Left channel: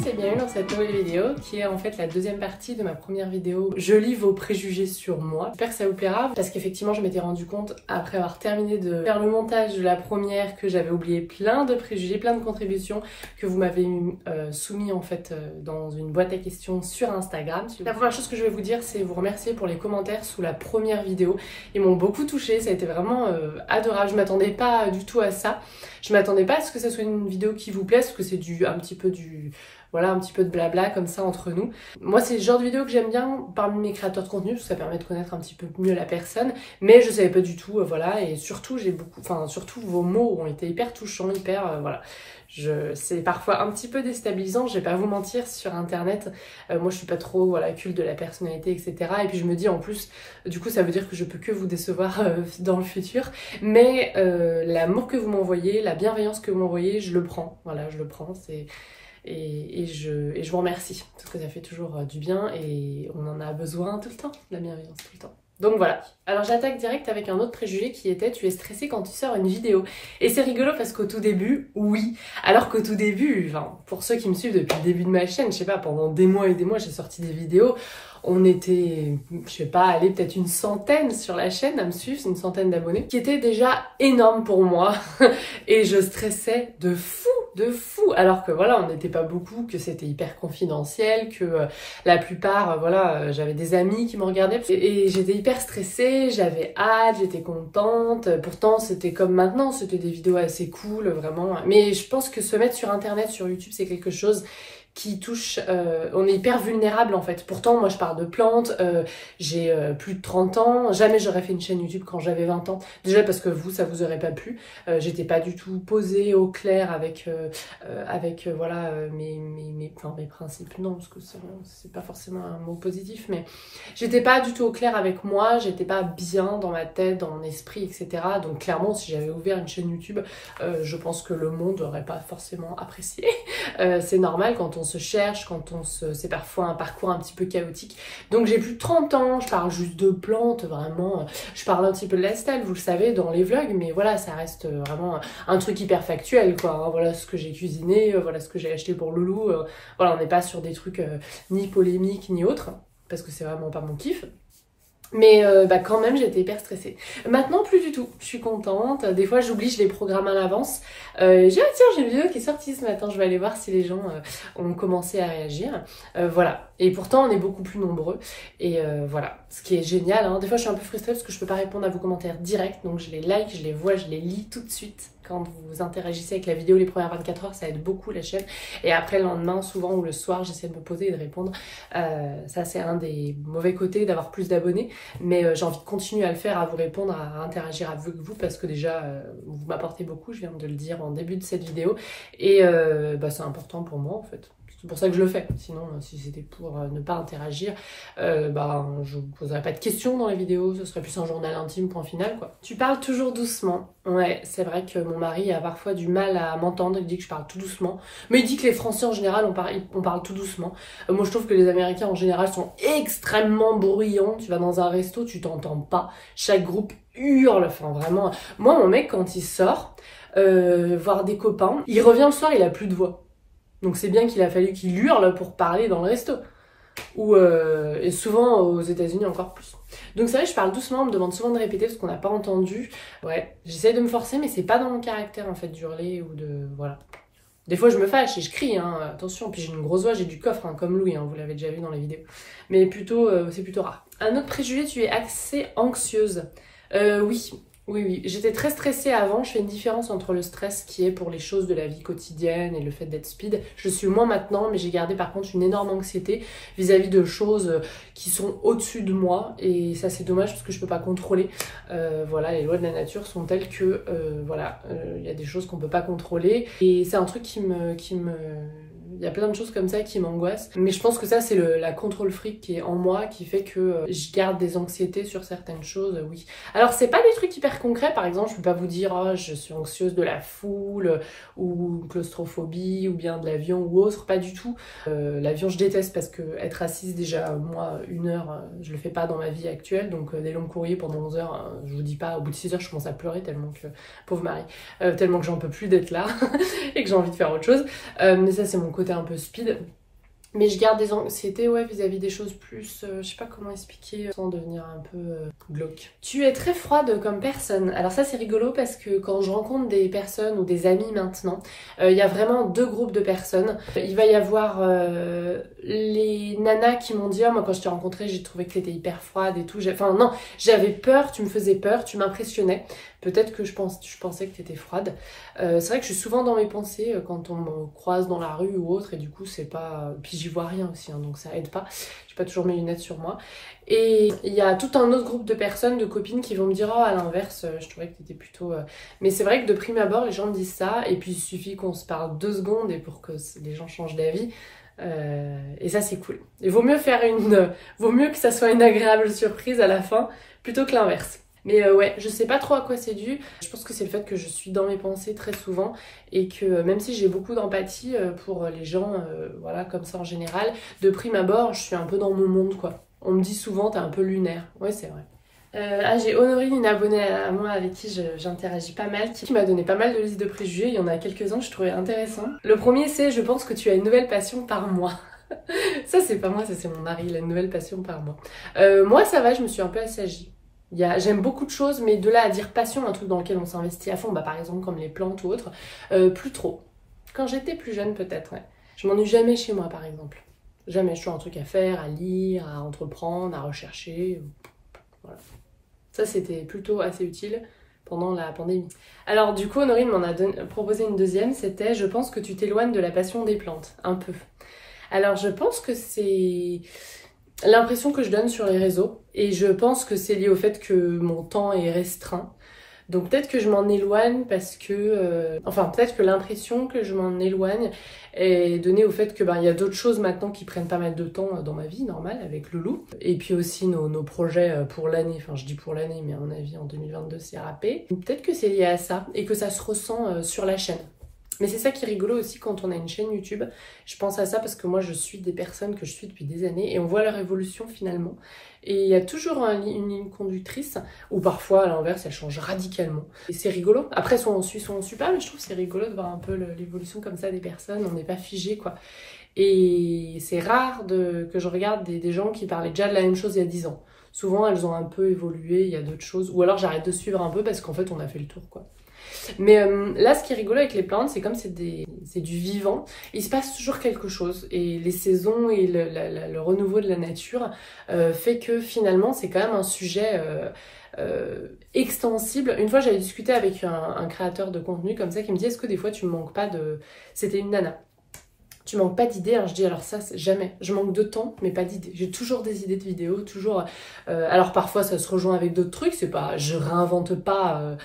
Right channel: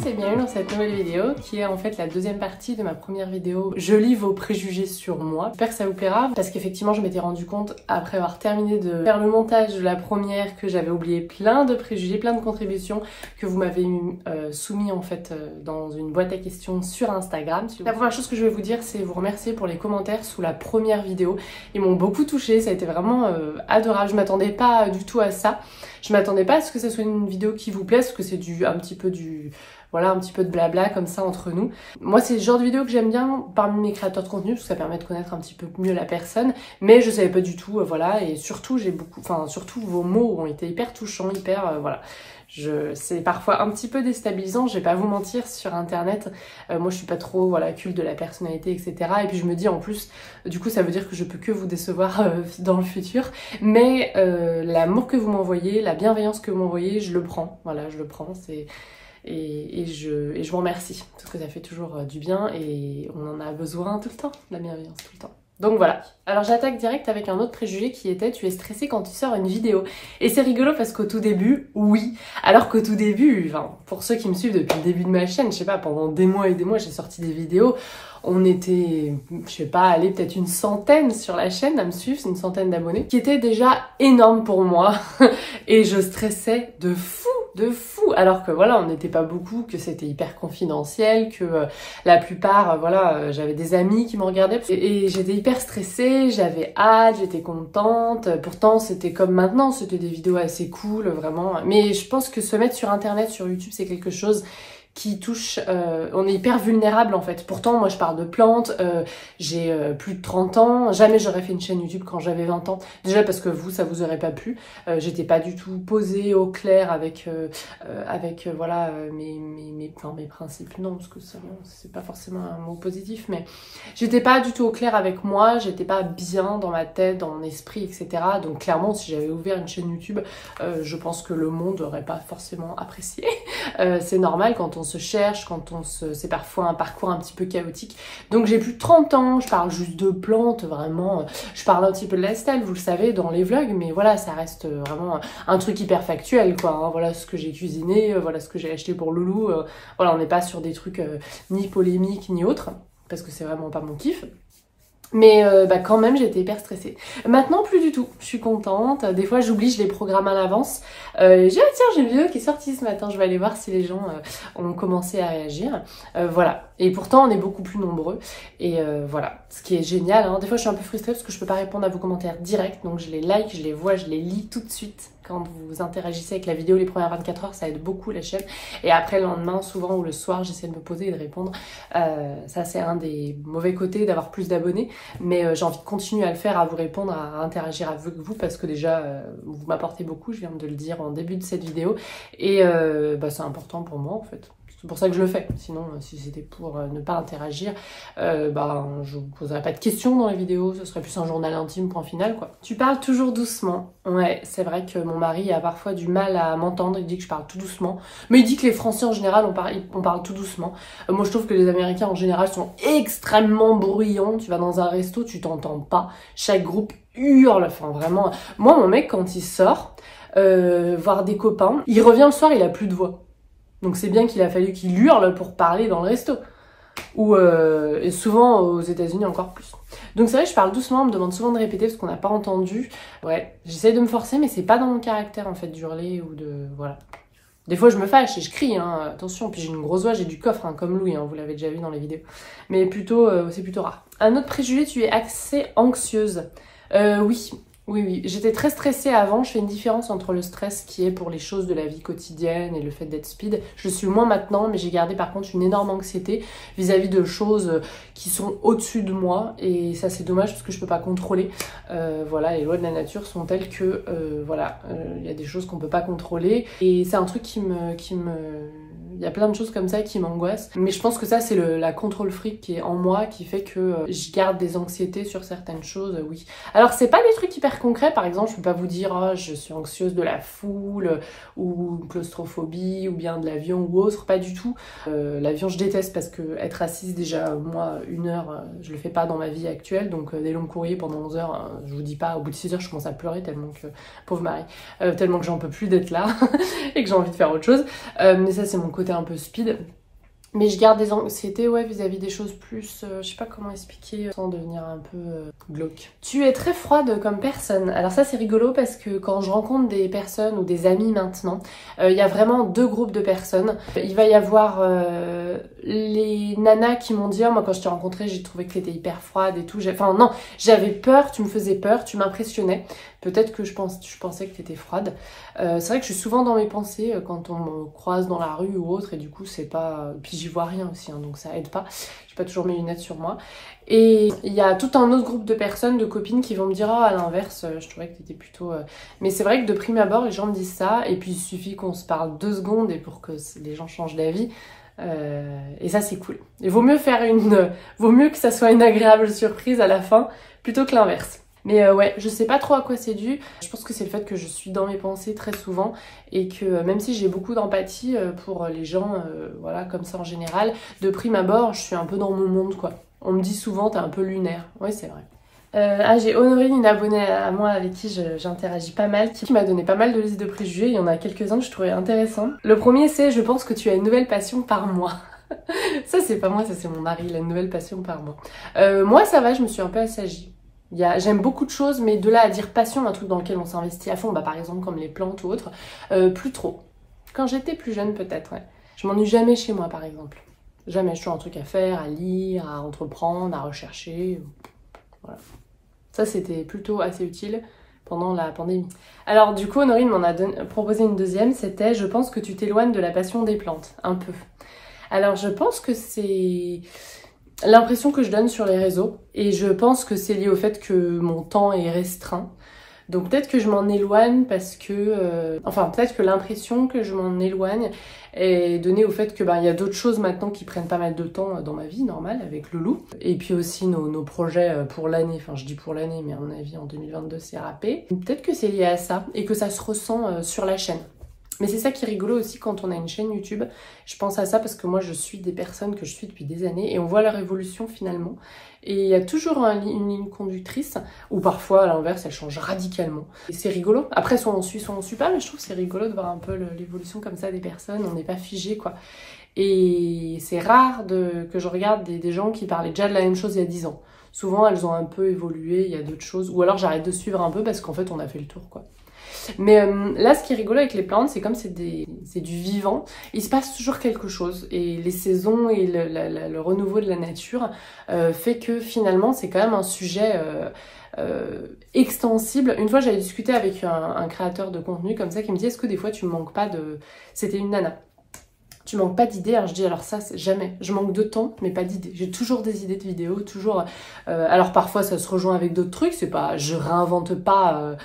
tous et bienvenue dans cette nouvelle vidéo qui est en fait la deuxième partie de ma première vidéo Je lis vos préjugés sur moi. J'espère que ça vous plaira parce qu'effectivement je m'étais rendu compte après avoir terminé de faire le montage de la première que j'avais oublié plein de préjugés, plein de contributions que vous m'avez soumis en fait dans une boîte à questions sur Instagram. La première chose que je vais vous dire c'est vous remercier pour les commentaires sous la première vidéo. Ils m'ont beaucoup touchée, ça a été vraiment adorable. Je m'attendais pas du tout à ça. Je m'attendais pas à ce que ce soit une vidéo qui vous plaise, parce que c'est un petit peu de blabla comme ça entre nous. Moi, c'est le genre de vidéo que j'aime bien parmi mes créateurs de contenu, parce que ça permet de connaître un petit peu mieux la personne. Mais je savais pas du tout, voilà. Et surtout, surtout vos mots ont été hyper touchants, voilà. C'est parfois un petit peu déstabilisant, je vais pas vous mentir, sur internet, moi je suis pas trop culte de la personnalité, etc. Et puis je me dis en plus, du coup ça veut dire que je peux que vous décevoir dans le futur, mais l'amour que vous m'envoyez, la bienveillance que vous m'envoyez, je le prends, voilà, je le prends, et je vous remercie, parce que ça fait toujours du bien et on en a besoin tout le temps, la bienveillance tout le temps. Donc voilà, alors j'attaque direct avec un autre préjugé qui était tu es stressé quand tu sors une vidéo. Et c'est rigolo parce qu'au tout début, oui, alors qu'au tout début, enfin, pour ceux qui me suivent depuis le début de ma chaîne, je sais pas, pendant des mois et des mois j'ai sorti des vidéos, on était, je sais pas, allez peut-être une centaine sur la chaîne à me suivre, c'est une centaine d'abonnés, qui était déjà énorme pour moi et je stressais de fou, alors que voilà, on n'était pas beaucoup, que c'était hyper confidentiel, que la plupart, j'avais des amis qui me regardaient et j'étais hyper stressée, j'avais hâte, j'étais contente, pourtant c'était comme maintenant, c'était des vidéos assez cool, vraiment, mais je pense que se mettre sur internet, sur YouTube, c'est quelque chose qui touche, on est hyper vulnérable en fait. Pourtant moi je parle de plantes, j'ai plus de 30 ans, jamais j'aurais fait une chaîne YouTube quand j'avais 20 ans, déjà parce que vous ça vous aurait pas plu, j'étais pas du tout posée au clair avec mes principes, non parce que c'est pas forcément un mot positif, mais j'étais pas du tout au clair avec moi, j'étais pas bien dans ma tête, dans mon esprit, etc. Donc clairement si j'avais ouvert une chaîne YouTube, je pense que le monde aurait pas forcément apprécié. C'est normal quand on se cherche, c'est parfois un parcours un petit peu chaotique. Donc j'ai plus de 30 ans, je parle juste de plantes, vraiment, je parle un petit peu de lifestyle, vous le savez, dans les vlogs, mais voilà, ça reste vraiment un truc hyper factuel, quoi, hein. Voilà ce que j'ai cuisiné, voilà ce que j'ai acheté pour Loulou, voilà, on n'est pas sur des trucs ni polémiques, ni autres, parce que c'est vraiment pas mon kiff. Mais quand même j'étais hyper stressée. Maintenant plus du tout, je suis contente, des fois j'oublie, je les programme à l'avance. Tiens j'ai une vidéo qui est sortie ce matin, je vais aller voir si les gens ont commencé à réagir. Voilà, et pourtant on est beaucoup plus nombreux. Et voilà, ce qui est génial, hein. Des fois je suis un peu frustrée parce que je peux pas répondre à vos commentaires directs, donc je les like, je les vois, je les lis tout de suite. Quand vous interagissez avec la vidéo les premières 24 heures, ça aide beaucoup la chaîne. Et après le lendemain, souvent, ou le soir, j'essaie de me poser et de répondre. Ça, c'est un des mauvais côtés d'avoir plus d'abonnés. Mais j'ai envie de continuer à le faire, à vous répondre, à interagir avec vous, parce que déjà, vous m'apportez beaucoup, je viens de le dire en début de cette vidéo. Et c'est important pour moi, en fait. C'est pour ça que je le fais. Sinon, si c'était pour ne pas interagir, je vous poserais pas de questions dans les vidéos. Ce serait plus un journal intime, point final, quoi. Tu parles toujours doucement. Ouais, c'est vrai que mon mari a parfois du mal à m'entendre. Il dit que je parle tout doucement. Mais il dit que les Français, en général, on parle tout doucement. Moi, je trouve que les Américains, en général, sont extrêmement bruyants. Tu vas dans un resto, tu t'entends pas. Chaque groupe hurle. Enfin, vraiment. Moi, mon mec, quand il sort voir des copains, il revient le soir, il a plus de voix. Donc c'est bien qu'il a fallu qu'il hurle pour parler dans le resto. Et souvent aux États-Unis encore plus. Donc c'est vrai que je parle doucement, on me demande souvent de répéter parce qu'on n'a pas entendu. Ouais, j'essaie de me forcer, mais c'est pas dans mon caractère en fait d'hurler ou de... Voilà. Des fois je me fâche et je crie, hein, attention, puis j'ai une grosse voix, j'ai du coffre, hein, comme Louis, hein, vous l'avez déjà vu dans les vidéos. Mais c'est plutôt rare. Un autre préjugé, tu es assez anxieuse. Oui, j'étais très stressée avant, je fais une différence entre le stress qui est pour les choses de la vie quotidienne et le fait d'être speed. Je suis moins maintenant, mais j'ai gardé par contre une énorme anxiété vis-à-vis de choses qui sont au-dessus de moi. Et ça c'est dommage parce que je peux pas contrôler. Les lois de la nature sont telles que, y a des choses qu'on peut pas contrôler. Et c'est un truc qui me... Il y a plein de choses comme ça qui m'angoissent. Mais je pense que ça, c'est la contrôle freak qui est en moi, qui fait que je garde des anxiétés sur certaines choses, oui. Alors, c'est pas des trucs hyper concrets. Par exemple, je peux pas vous dire, oh, je suis anxieuse de la foule, ou claustrophobie, ou bien de l'avion ou autre. Pas du tout. L'avion, je déteste parce que être assise, déjà, moi, 1 heure, je le fais pas dans ma vie actuelle. Donc, des longs courriers pendant 11 heures, je vous dis pas, au bout de 6 heures, je commence à pleurer tellement que, pauvre Marie, tellement que j'en peux plus d'être là et que j'ai envie de faire autre chose. Mais ça, c'est mon côté côté un peu speed. Mais je garde des anxiétés, ouais, vis-à-vis des choses plus... je sais pas comment expliquer sans devenir un peu glauque. Tu es très froide comme personne. Alors ça, c'est rigolo parce que quand je rencontre des personnes ou des amis maintenant, il y a vraiment deux groupes de personnes. Il va y avoir les nanas qui m'ont dit, oh, moi quand je t'ai rencontrée, j'ai trouvé que t'étais hyper froide et tout. Enfin non, j'avais peur, tu me faisais peur, tu m'impressionnais. Peut-être que je pensais que t'étais froide. C'est vrai que je suis souvent dans mes pensées quand on me croise dans la rue ou autre, et du coup c'est pas... Puis j'y vois rien aussi, hein, donc ça aide pas. J'ai pas toujours mes lunettes sur moi. Et il y a tout un autre groupe de personnes, de copines qui vont me dire « Oh, à l'inverse, je trouvais que t'étais plutôt... Mais c'est vrai que de prime abord, les gens me disent ça, et puis il suffit qu'on se parle 2 secondes et pour que les gens changent d'avis. Et ça c'est cool. Il vaut mieux vaut mieux que ça soit une agréable surprise à la fin, plutôt que l'inverse. Mais ouais, je sais pas trop à quoi c'est dû. Je pense que c'est le fait que je suis dans mes pensées très souvent et que même si j'ai beaucoup d'empathie pour les gens, voilà, comme ça en général, de prime abord, je suis un peu dans mon monde, quoi. On me dit souvent, t'es un peu lunaire. Ouais, c'est vrai. J'ai Honorine, une abonnée à moi avec qui j'interagis pas mal, qui m'a donné pas mal de listes de préjugés. Il y en a quelques-uns que je trouvais intéressants. Le premier, c'est « Je pense que tu as une nouvelle passion par mois ». Ça, c'est pas moi, ça c'est mon mari, il a une nouvelle passion par mois. Moi, ça va, je me suis un peu assagie. J'aime beaucoup de choses, mais de là à dire passion, un truc dans lequel on s'investit à fond, bah par exemple comme les plantes ou autres, plus trop. Quand j'étais plus jeune peut-être, ouais. Je m'ennuie jamais chez moi par exemple. Jamais, je trouve un truc à faire, à lire, à entreprendre, à rechercher. Voilà. Ça c'était plutôt assez utile pendant la pandémie. Alors du coup, Honorine m'en a proposé une deuxième, c'était « Je pense que tu t'éloignes de la passion des plantes, un peu ». Alors je pense que c'est... l'impression que je donne sur les réseaux, et je pense que c'est lié au fait que mon temps est restreint. Donc peut-être que je m'en éloigne parce que... enfin, peut-être que l'impression que je m'en éloigne est donnée au fait que il y a d'autres choses maintenant qui prennent pas mal de temps dans ma vie normale avec Loulou. Et puis aussi nos projets pour l'année, enfin je dis pour l'année, mais à mon avis en 2022 c'est râpé. Peut-être que c'est lié à ça et que ça se ressent sur la chaîne. Mais c'est ça qui est rigolo aussi quand on a une chaîne YouTube. Je pense à ça parce que moi je suis des personnes que je suis depuis des années et on voit leur évolution finalement. Et il y a toujours une ligne conductrice, ou parfois à l'inverse elle change radicalement. Et c'est rigolo. Après soit on suit pas, mais je trouve que c'est rigolo de voir un peu l'évolution comme ça des personnes. On n'est pas figé quoi. Et c'est rare que je regarde des gens qui parlaient déjà de la même chose il y a 10 ans. Souvent elles ont un peu évolué, il y a d'autres choses. Ou alors j'arrête de suivre un peu parce qu'en fait on a fait le tour quoi. Mais là, ce qui est rigolo avec les plantes, c'est comme c'est du vivant, il se passe toujours quelque chose. Et les saisons et le renouveau de la nature fait que finalement, c'est quand même un sujet extensible. Une fois, j'avais discuté avec un créateur de contenu comme ça qui me dit « Est-ce que des fois, tu me manques pas de... » C'était une nana. Tu manques pas d'idées. Alors je dis alors ça jamais. Je manque de temps mais pas d'idées. J'ai toujours des idées de vidéos, toujours. Alors parfois ça se rejoint avec d'autres trucs. C'est pas, je réinvente pas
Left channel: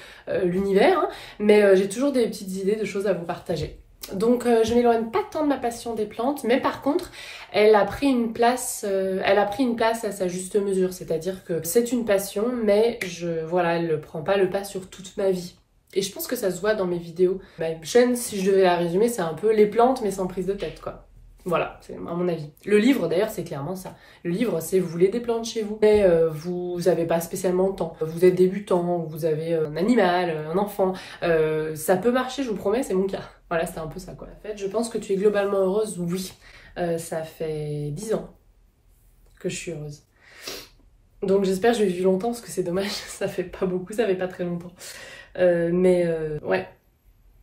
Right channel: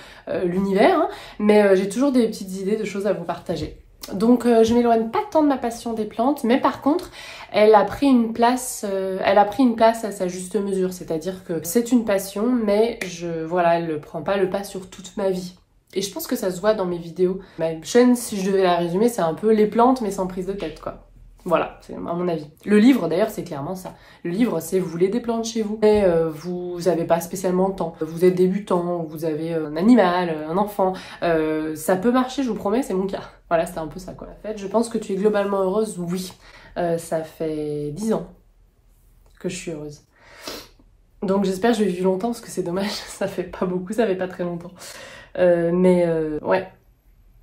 l'univers, hein, mais j'ai toujours des petites idées de choses à vous partager. Donc je m'éloigne pas tant de ma passion des plantes, mais par contre elle a pris une place à sa juste mesure. C'est-à-dire que c'est une passion, mais voilà, elle ne prend pas le pas sur toute ma vie. Et je pense que ça se voit dans mes vidéos. Ma chaîne, si je devais la résumer, c'est un peu les plantes, mais sans prise de tête, quoi. Voilà, c'est à mon avis. Le livre, d'ailleurs, c'est clairement ça. Le livre, c'est vous voulez des plantes chez vous, mais vous n'avez pas spécialement le temps. Vous êtes débutant, vous avez un animal, un enfant. Ça peut marcher, je vous promets, c'est mon cas. Voilà, c'est un peu ça, quoi. En fait, je pense que tu es globalement heureuse, oui. Ça fait 10 ans que je suis heureuse. Donc j'espère que je vais vivre longtemps, parce que c'est dommage, ça fait pas beaucoup, ça fait pas très longtemps. Ouais,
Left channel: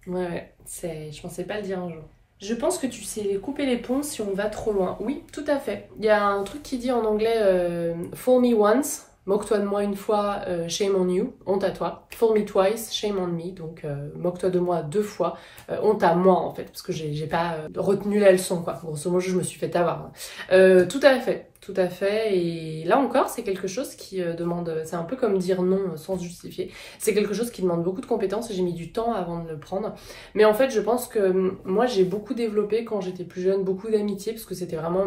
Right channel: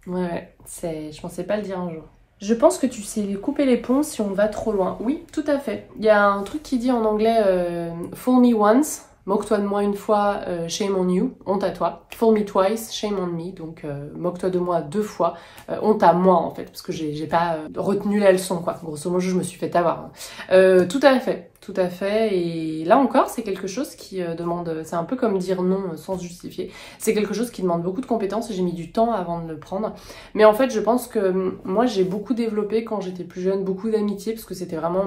je pensais pas le dire un jour. Je pense que tu sais couper les ponts si on va trop loin. Oui, tout à fait. Il y a un truc qui dit en anglais fool me once, moque-toi de moi une fois, shame on you, honte à toi. Fool me twice, shame on me, donc moque-toi de moi 2 fois, honte à moi en fait, parce que j'ai pas retenu la leçon quoi. Grosso modo, je me suis fait avoir. Tout à fait. Tout à fait, et là encore c'est quelque chose qui demande, c'est un peu comme dire non sans se justifier, c'est quelque chose qui demande beaucoup de compétences et j'ai mis du temps avant de le prendre, mais en fait je pense que moi j'ai beaucoup développé quand j'étais plus jeune, beaucoup d'amitié, parce que c'était vraiment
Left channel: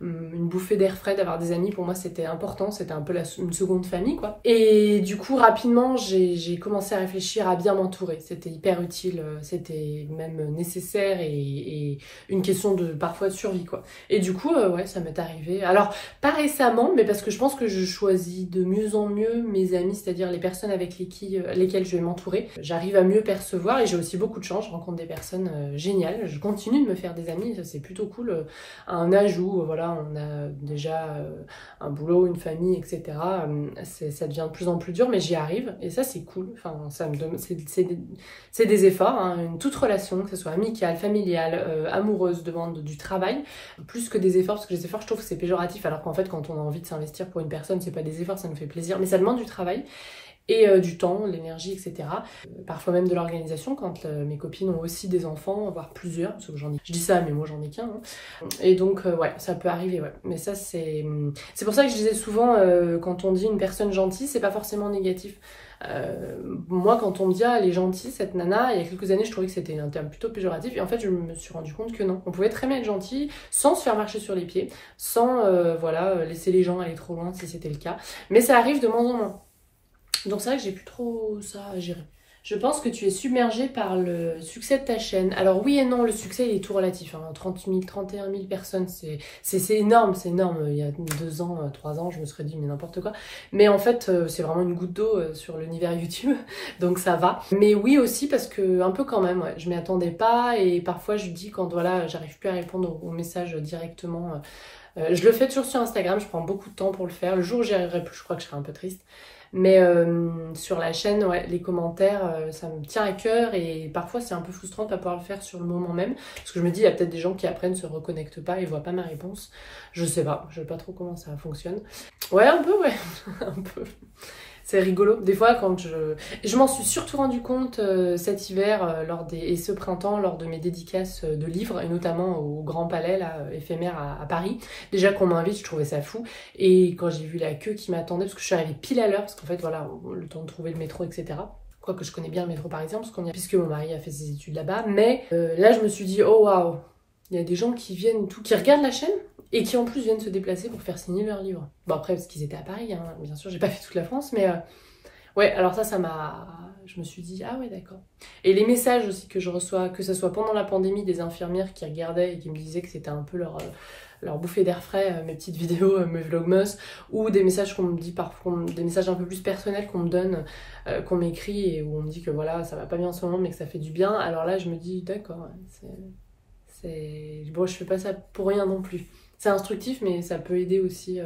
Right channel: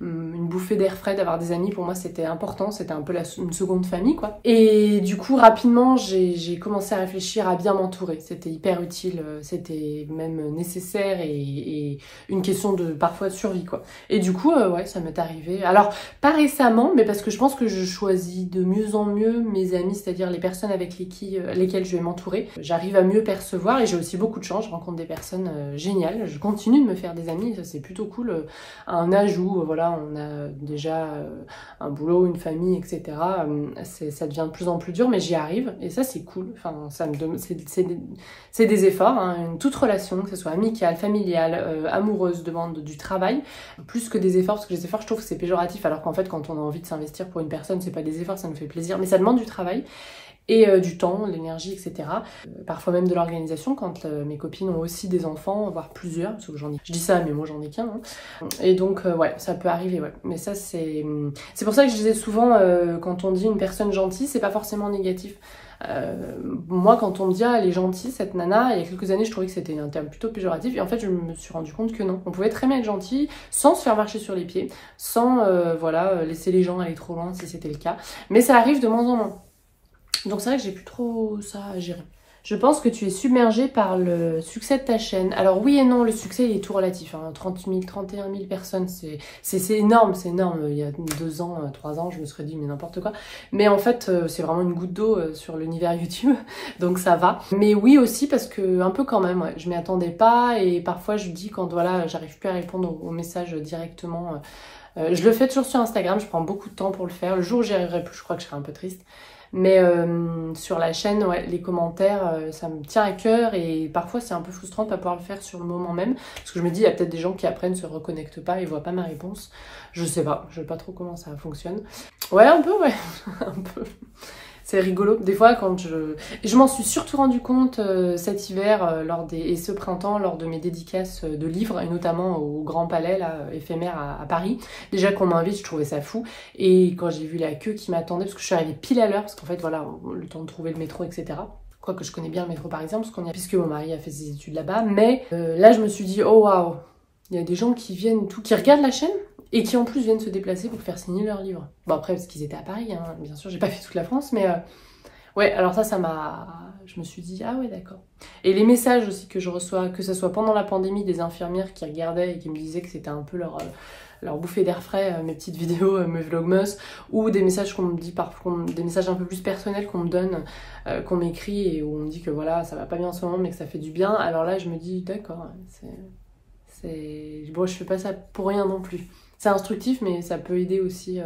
une bouffée d'air frais d'avoir des amis, pour moi c'était important, c'était un peu une seconde famille quoi, et du coup rapidement j'ai commencé à réfléchir à bien m'entourer, c'était hyper utile, c'était même nécessaire et une question de parfois de survie quoi, et du coup ouais ça m'est arrivé, alors Alors, pas récemment, mais parce que je pense que je choisis de mieux en mieux mes amis, c'est-à-dire les personnes avec lesquelles je vais m'entourer. J'arrive à mieux percevoir et j'ai aussi beaucoup de chance, je rencontre des personnes géniales. Je continue de me faire des amis, ça c'est plutôt cool. À un âge où voilà, on a déjà un boulot, une famille, etc. Ça devient de plus en plus dur, mais j'y arrive et ça c'est cool. Enfin, c'est des efforts, hein. Toute relation, que ce soit amicale, familiale, amoureuse, demande du travail, plus que des efforts, parce que les efforts, je trouve que c'est péjoratif, alors qu'en fait, quand on a envie de s'investir pour une personne, c'est pas des efforts, ça nous fait plaisir, mais ça demande du travail. Et du temps, l'énergie, etc. Parfois même de l'organisation, quand mes copines ont aussi des enfants, voire plusieurs, parce que je dis ça, mais moi j'en ai qu'un. Hein. Et donc, ouais, ça peut arriver, ouais. Mais ça, c'est pour ça que je disais souvent, quand on dit une personne gentille, c'est pas forcément négatif. Moi, quand on me dit, ah, elle est gentille, cette nana, il y a quelques années, je trouvais que c'était un terme plutôt péjoratif. Et en fait, je me suis rendu compte que non. On pouvait très bien être gentil, sans se faire marcher sur les pieds, sans, voilà, laisser les gens aller trop loin si c'était le cas. Mais ça arrive de moins en moins. Donc c'est vrai que j'ai plus trop ça à gérer. Je pense que tu es submergée par le succès de ta chaîne. Alors oui et non, le succès il est tout relatif. Hein. 30 000, 31 000 personnes, c'est énorme, c'est énorme. Il y a 2 ans, 3 ans, je me serais dit mais n'importe quoi. Mais en fait, c'est vraiment une goutte d'eau sur l'univers YouTube, donc ça va. Mais oui aussi parce que un peu quand même, ouais, je m'y attendais pas et parfois je dis quand voilà, j'arrive plus à répondre aux messages directement. Je le fais toujours sur Instagram, je prends beaucoup de temps pour le faire. Le jour où j'y arriverai plus, je crois que je serai un peu triste. Mais sur la chaîne, ouais, les commentaires, ça me tient à cœur et parfois c'est un peu frustrant de pas pouvoir le faire sur le moment même. Parce que je me dis, il y a peut-être des gens qui après ne se reconnectent pas et voient pas ma réponse. Je sais pas, je sais pas trop comment ça fonctionne. Ouais, un peu, ouais, un peu. C'est rigolo. Des fois, quand je m'en suis surtout rendu compte cet hiver et ce printemps lors de mes dédicaces de livres, et notamment au Grand Palais là, éphémère à Paris. Déjà qu'on m'invite, je trouvais ça fou. Et quand j'ai vu la queue qui m'attendait, parce que je suis arrivée pile à l'heure, parce qu'en fait, voilà, le temps de trouver le métro, etc. Quoique je connais bien le métro parisien, puisque mon mari a fait ses études là-bas. Mais là, je me suis dit, oh waouh, il y a des gens qui viennent, qui regardent la chaîne et qui en plus viennent se déplacer pour faire signer leurs livres. Bon après parce qu'ils étaient à Paris, hein. Bien sûr j'ai pas fait toute la France, mais ouais alors ça m'a... Je me suis dit ah ouais d'accord. Et les messages aussi que je reçois, que ce soit pendant la pandémie, des infirmières qui regardaient et qui me disaient que c'était un peu leur bouffée d'air frais, mes petites vidéos, mes vlogmas, ou des messages qu'on me dit parfois, des messages un peu plus personnels qu'on me donne, qu'on m'écrit et où on me dit que voilà ça va pas bien en ce moment mais que ça fait du bien. Alors là je me dis d'accord, bon je fais pas ça pour rien non plus. C'est instructif, mais ça peut aider aussi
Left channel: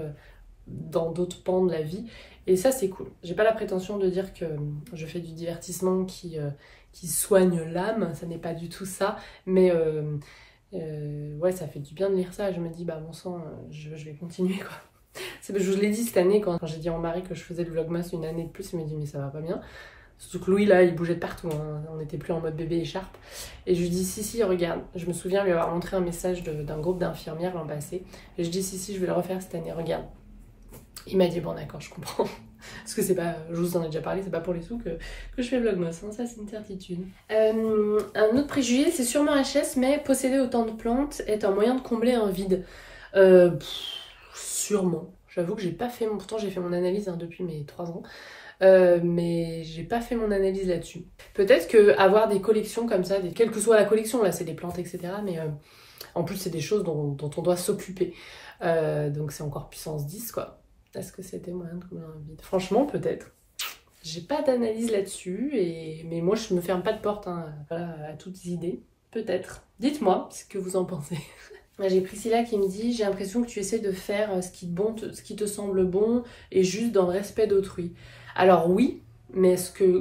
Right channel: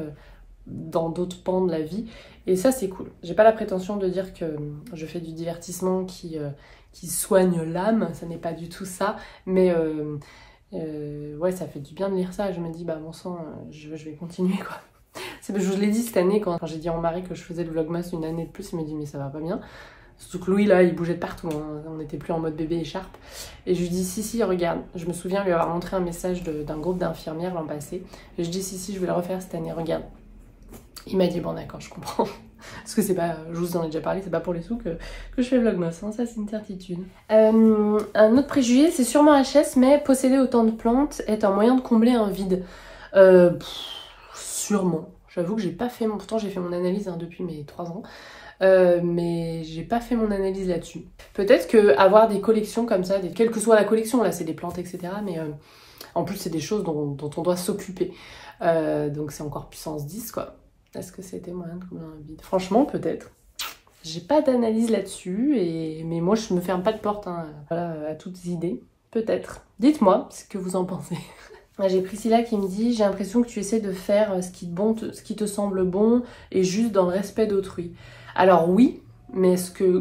dans d'autres pans de la vie. Et ça, c'est cool. J'ai pas la prétention de dire que je fais du divertissement qui soigne l'âme. Ça n'est pas du tout ça. Mais ouais, ça fait du bien de lire ça. Je me dis, bah bon sang, je vais continuer, quoi. Je l'ai dit cette année, quand j'ai dit à mon mari que je faisais le vlogmas une année de plus, il m'a dit, mais ça va pas bien. Surtout que Louis, là, il bougeait de partout, hein. On n'était plus en mode bébé écharpe. Et je lui dis, si, regarde. Je me souviens lui avoir montré un message d'un groupe d'infirmières l'an passé. Et je dis, si, je vais le refaire cette année, regarde. Il m'a dit, bon d'accord, je comprends. Parce que c'est pas, je vous en ai déjà parlé, c'est pas pour les sous que je fais vlogmas, hein. Ça c'est une certitude. Un autre préjugé, c'est sûrement HS, mais posséder autant de plantes est un moyen de combler un vide. Sûrement. J'avoue que j'ai pas fait pourtant j'ai fait mon analyse hein, depuis mes 3 ans. Mais j'ai pas fait mon analyse là-dessus. Peut-être que avoir des collections comme ça, quelle que soit la collection, là c'est des plantes etc. Mais en plus c'est des choses dont on doit s'occuper. Donc c'est encore puissance 10 quoi. Est-ce que c'était moyen de combler un vide? Franchement peut-être. J'ai pas d'analyse là-dessus, mais moi je me ferme pas de porte hein, voilà, à toutes idées. Peut-être. Dites-moi ce que vous en pensez. J'ai Priscilla qui me dit « J'ai l'impression que tu essaies de faire ce qui te semble bon et juste dans le respect d'autrui. » Alors oui, mais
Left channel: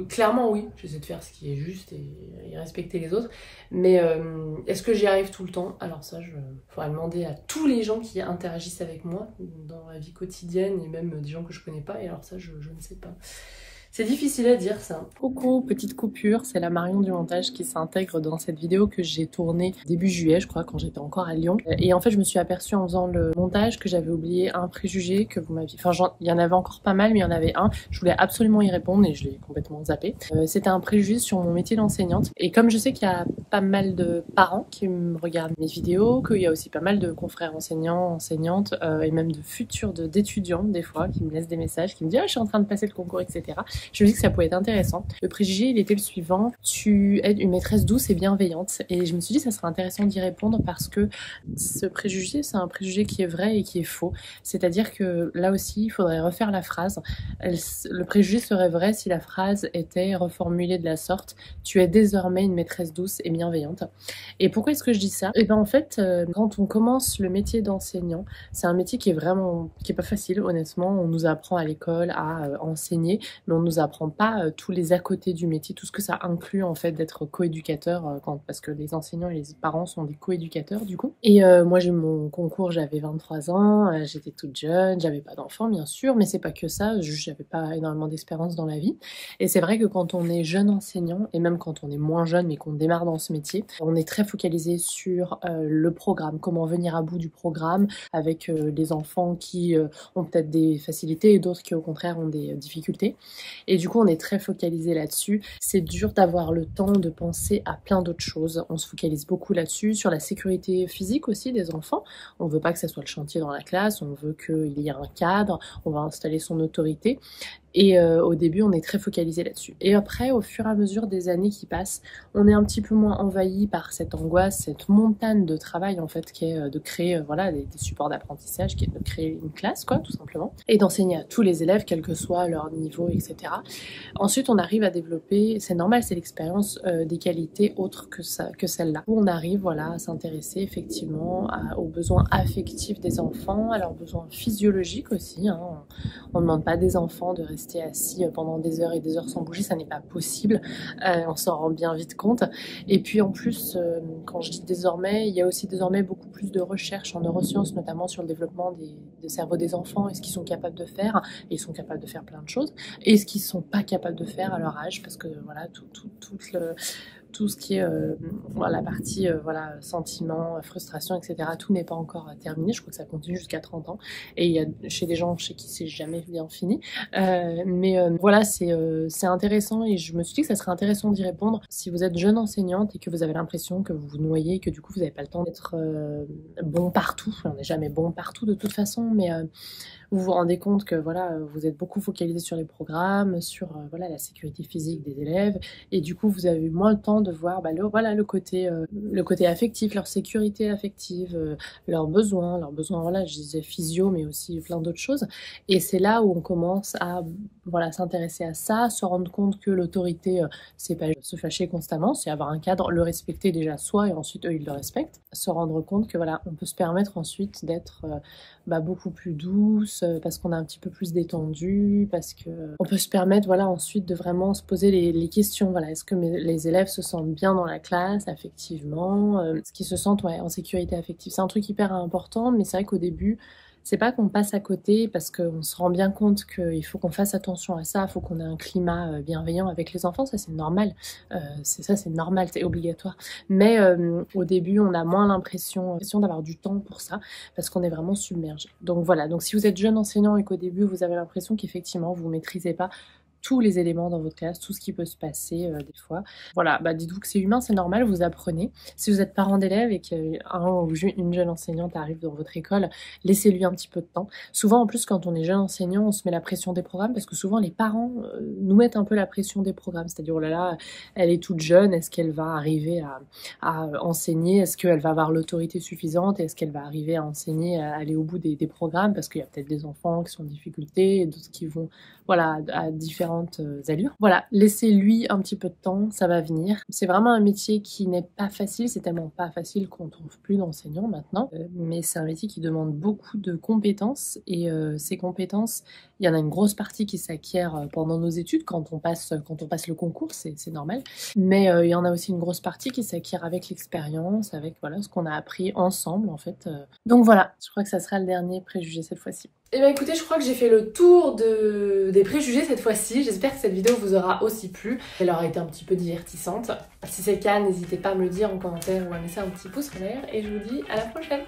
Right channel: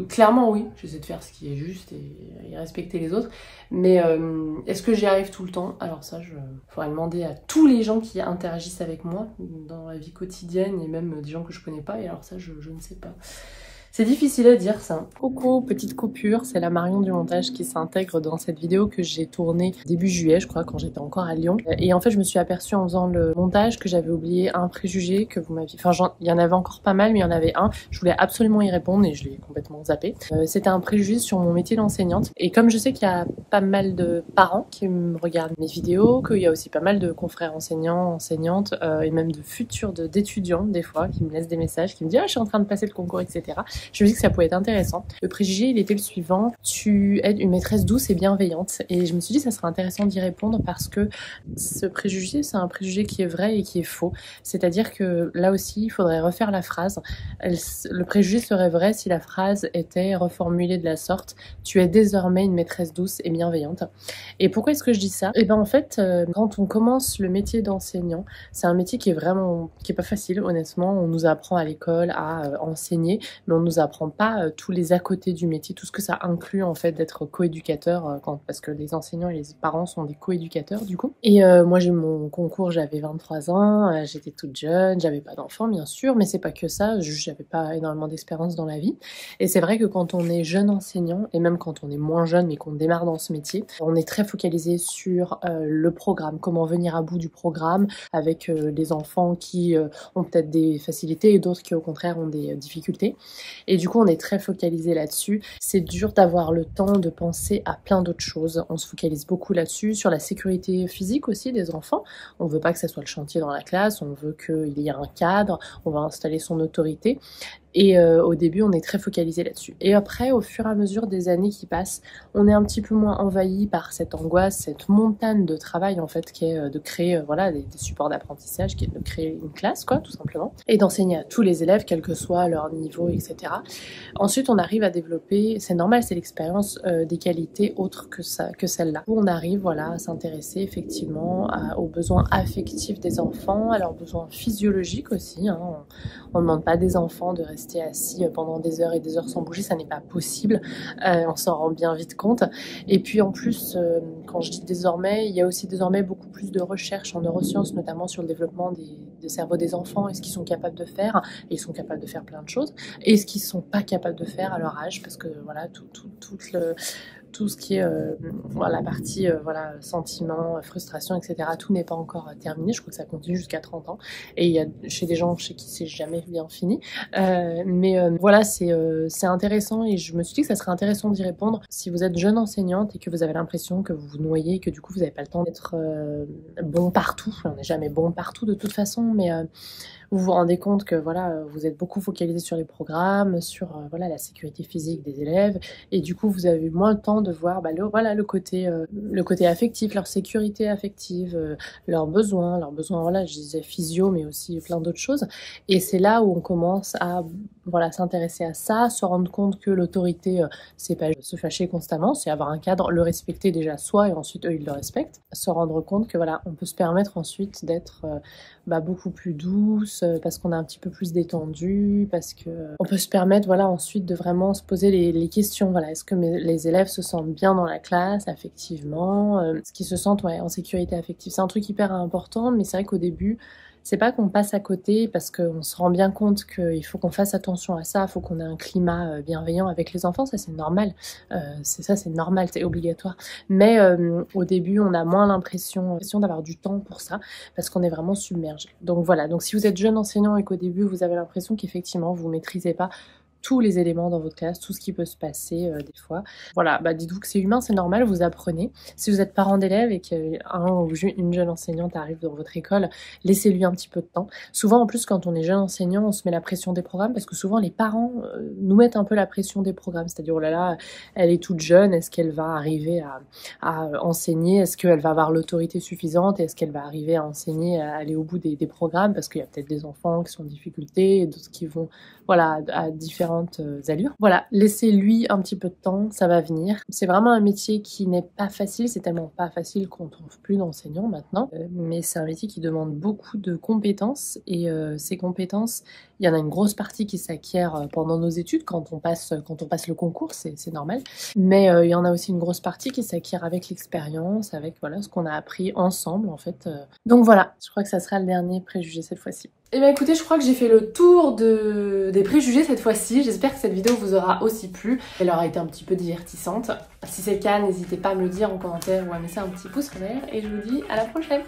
clairement oui, j'essaie de faire ce qui est juste et respecter les autres. Mais est-ce que j'y arrive tout le temps? Alors ça, faudra demander à tous les gens qui interagissent avec moi dans la vie quotidienne et même des gens que je connais pas. Et alors ça, je ne sais pas. C'est difficile à dire ça. Coucou, petite coupure, c'est la Marion du montage qui s'intègre dans cette vidéo que j'ai tournée début juillet, je crois, quand j'étais encore à Lyon. Et en fait, je me suis aperçue en faisant le montage que j'avais oublié un préjugé que vous m'aviez... Enfin, il y en avait encore pas mal, mais il y en avait un. Je voulais absolument y répondre et je l'ai complètement zappé. C'était un préjugé sur mon métier d'enseignante. Et comme je sais qu'il y a pas mal de parents qui me regardent mes vidéos, qu'il y a aussi pas mal de confrères enseignants, enseignantes, et même de futurs d'étudiants, des fois, qui me laissent des messages, qui me disent « Ah, je suis en train de passer le concours, etc. » je me dis que ça pouvait être intéressant. Le préjugé, il était le suivant: tu es une maîtresse douce et bienveillante. Et je me suis dit que ça serait intéressant d'y répondre parce que ce préjugé, c'est un préjugé qui est vrai et qui est faux. C'est-à-dire que là aussi, il faudrait refaire la phrase. Le préjugé serait vrai si la phrase était reformulée de la sorte: tu es désormais une maîtresse douce et bienveillante. Et pourquoi est-ce que je dis ça? Et ben en fait, quand on commence le métier d'enseignant, c'est un métier qui est pas facile, honnêtement. On nous apprend à l'école à enseigner, mais on nous apprend pas tous les à côté du métier, tout ce que ça inclut en fait d'être coéducateur, parce que les enseignants et les parents sont des coéducateurs du coup. Et moi j'ai eu mon concours, j'avais 23 ans, j'étais toute jeune, j'avais pas d'enfant bien sûr, mais c'est pas que ça, j'avais pas énormément d'expérience dans la vie. Et c'est vrai que quand on est jeune enseignant, et même quand on est moins jeune mais qu'on démarre dans ce métier, on est très focalisé sur le programme, comment venir à bout du programme avec les enfants qui ont peut-être des facilités et d'autres qui au contraire ont des difficultés. Et du coup on est très focalisé là-dessus. C'est dur d'avoir le temps de penser à plein d'autres choses. On se focalise beaucoup là-dessus, sur la sécurité physique aussi des enfants. On veut pas que ça soit le chantier dans la classe, on veut qu'il y ait un cadre, on va installer son autorité. Et au début, on est très focalisé là-dessus. Et après, au fur et à mesure des années qui passent, on est un petit peu moins envahi par cette angoisse, cette montagne de travail en fait, qui est de créer voilà, des supports d'apprentissage, qui est de créer une classe, quoi, tout simplement, et d'enseigner à tous les élèves, quel que soit leur niveau, etc. Ensuite, on arrive à développer, c'est normal, c'est l'expérience, des qualités autres que celle-là. Où on arrive, voilà, à s'intéresser effectivement aux besoins affectifs des enfants, à leurs besoins physiologiques aussi. Hein. On ne demande pas des enfants de rester assis pendant des heures et des heures sans bouger, ça n'est pas possible, on s'en rend bien vite compte. Et puis en plus, quand je dis désormais, il y a aussi désormais beaucoup plus de recherches en neurosciences, notamment sur le développement des cerveaux des enfants et ce qu'ils sont capables de faire, et ils sont capables de faire plein de choses, et ce qu'ils sont pas capables de faire à leur âge, parce que voilà, tout ce qui est la partie voilà, sentiments, frustration, etc. Tout n'est pas encore terminé. Je crois que ça continue jusqu'à 30 ans. Et il y a chez des gens chez qui c'est jamais bien fini. Mais voilà, c'est intéressant et je me suis dit que ça serait intéressant d'y répondre. Si vous êtes jeune enseignante et que vous avez l'impression que vous vous noyez et que du coup vous n'avez pas le temps d'être bon partout, on n'est jamais bon partout de toute façon, mais vous vous rendez compte que voilà, vous êtes beaucoup focalisé sur les programmes, sur voilà, la sécurité physique des élèves, et du coup vous avez moins le temps de voir le côté affectif, leur sécurité affective, leurs besoins, voilà, je disais physio, mais aussi plein d'autres choses. Et c'est là où on commence à voilà, s'intéresser à ça, se rendre compte que l'autorité, c'est pas se fâcher constamment, c'est avoir un cadre, le respecter déjà soi, et ensuite eux ils le respectent. Se rendre compte que voilà, on peut se permettre ensuite d'être beaucoup plus douce, parce qu'on est un petit peu plus détendu, parce que on peut se permettre voilà, ensuite de vraiment se poser les questions. Voilà, est-ce que les élèves se sentent bien dans la classe, affectivement, est-ce qu'ils se sentent en sécurité affective? C'est un truc hyper important, mais c'est vrai qu'au début, c'est pas qu'on passe à côté parce qu'on se rend bien compte qu'il faut qu'on fasse attention à ça, il faut qu'on ait un climat bienveillant avec les enfants, ça c'est normal, c'est normal, c'est obligatoire. Mais au début, on a moins l'impression d'avoir du temps pour ça parce qu'on est vraiment submergé. Donc voilà, donc si vous êtes jeune enseignant et qu'au début vous avez l'impression qu'effectivement vous maîtrisez pas tous les éléments dans votre classe, tout ce qui peut se passer des fois. Voilà, dites-vous que c'est humain, c'est normal, vous apprenez. Si vous êtes parent d'élève et qu'un ou une jeune enseignante arrive dans votre école, laissez-lui un petit peu de temps. Souvent, en plus, quand on est jeune enseignant, on se met la pression des programmes parce que souvent, les parents nous mettent un peu la pression des programmes. C'est-à-dire, oh là là, elle est toute jeune, est-ce qu'elle va arriver à enseigner? Est-ce qu'elle va avoir l'autorité suffisante? Est-ce qu'elle va arriver à enseigner, à aller au bout des programmes? Parce qu'il y a peut-être des enfants qui sont en difficulté et d'autres qui vont voilà, à différentes allures. Voilà, laissez-lui un petit peu de temps, ça va venir. C'est vraiment un métier qui n'est pas facile, c'est tellement pas facile qu'on ne trouve plus d'enseignants maintenant, mais c'est un métier qui demande beaucoup de compétences, et ces compétences, il y en a une grosse partie qui s'acquiert pendant nos études, quand on passe le concours, c'est normal, mais il y en a aussi une grosse partie qui s'acquiert avec l'expérience, avec voilà, ce qu'on a appris ensemble en fait. Donc voilà, je crois que ça sera le dernier préjugé cette fois-ci. Eh bien écoutez, je crois que j'ai fait le tour des préjugés cette fois-ci. J'espère que cette vidéo vous aura aussi plu. Elle aura été un petit peu divertissante. Si c'est le cas, n'hésitez pas à me le dire en commentaire ou à me laisser un petit pouce en l'air. Et je vous dis à la prochaine.